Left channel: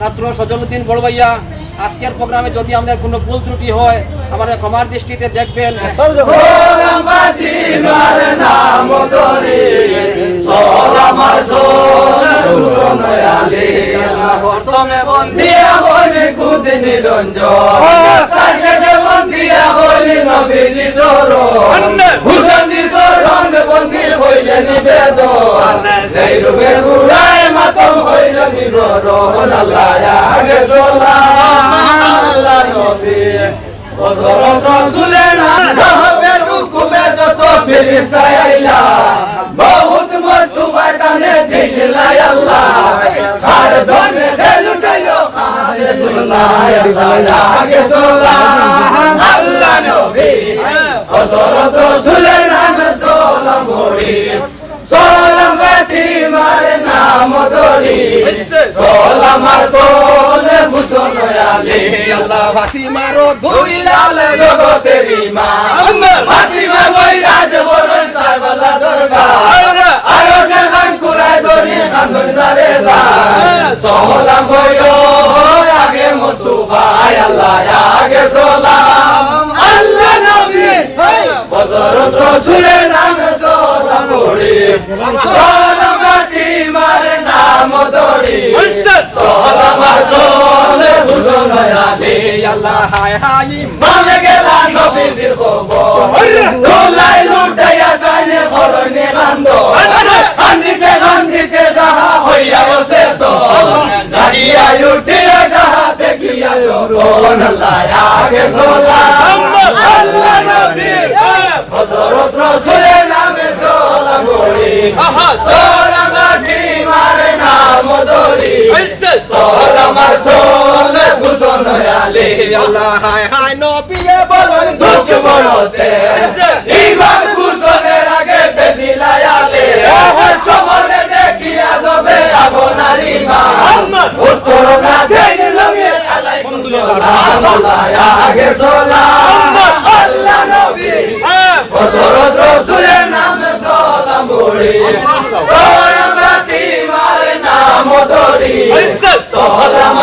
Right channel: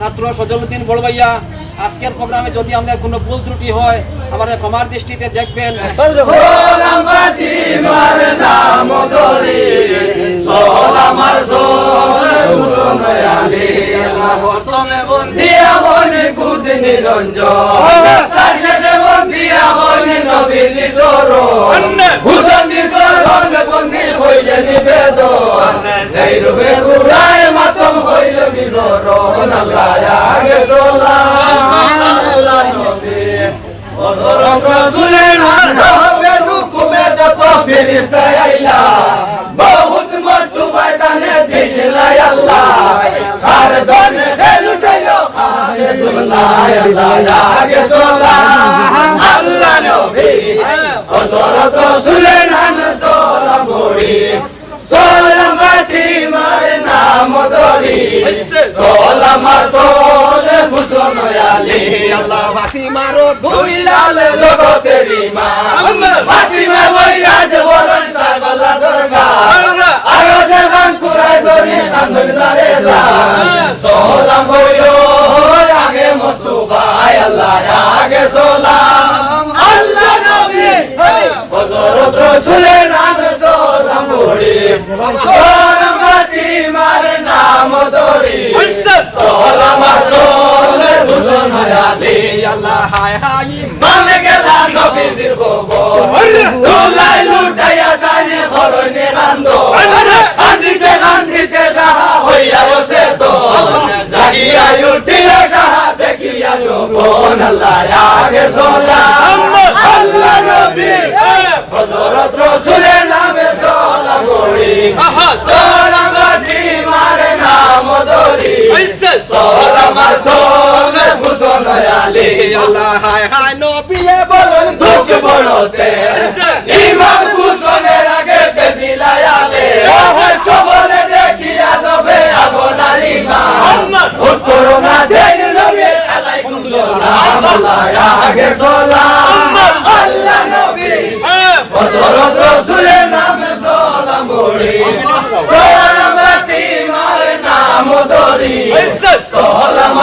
ছাত্র সজলউদ্দিন বড় ভাইয়া, আজকের প্রোগ্রামে যদি আমাদের কোনো ভুল ত্রুটি হয় আমাদের ক্ষমার দৃষ্টিতে দেখবেন। बहुत मस्तु बाटाने देश लाई अल्लाह खार दोने खेलु टाइलो आगे सोला अल्लाह नबी हजरत रसूलेर नाम सोला मोड़ी सोला माटी मारे नाम धरी सोला मार सोले भूषण आले अल्लाह बाती मारो दुई लाले जगतेरी मां बाती में वही राज बोरन सारवाला दुर्गा आरो से हम कुराय दोरी खानदन दारे जा सोला बोयो आगे मुस्तफा अल्लाह आगे सोला अल्लाह नबी हजरत रसूलेर नाम सोला मोड़ी सोला माटी मारे नाम धरी सोला मार सोले भूषण आले अल्लाह हाय हाय माने गेला नबीर খবর তোলাই লুটাইয়া জানে খরই নিলান্দো আন্দিতে সাহা হইয়া আছে তো জাগিয়া উঠিয়া সাহা দেখিয়া শোভন আল্লাহ আগে সালাম আল্লাহ নবী হযরত রাসূলের নামে সালাম পড়ি সালাম মাটি মারে নাম ধরি সালাম আর সোলে ভূষণ আলী আল্লাহ হায় হায় নবী বলেন দুঃখ বড়তে ইমাম কুসলের আগে দিলাই আলে চবনে দেখিয়া যাবে আপনার ইমান করোনা দেন লগে আলাইকুম সালাম আল্লাহ আগে সালাম আল্লাহ নবী হযরত রাসূলের নামে সালাম পড়ি সালাম মাটি মারে নাম ধরি সালাম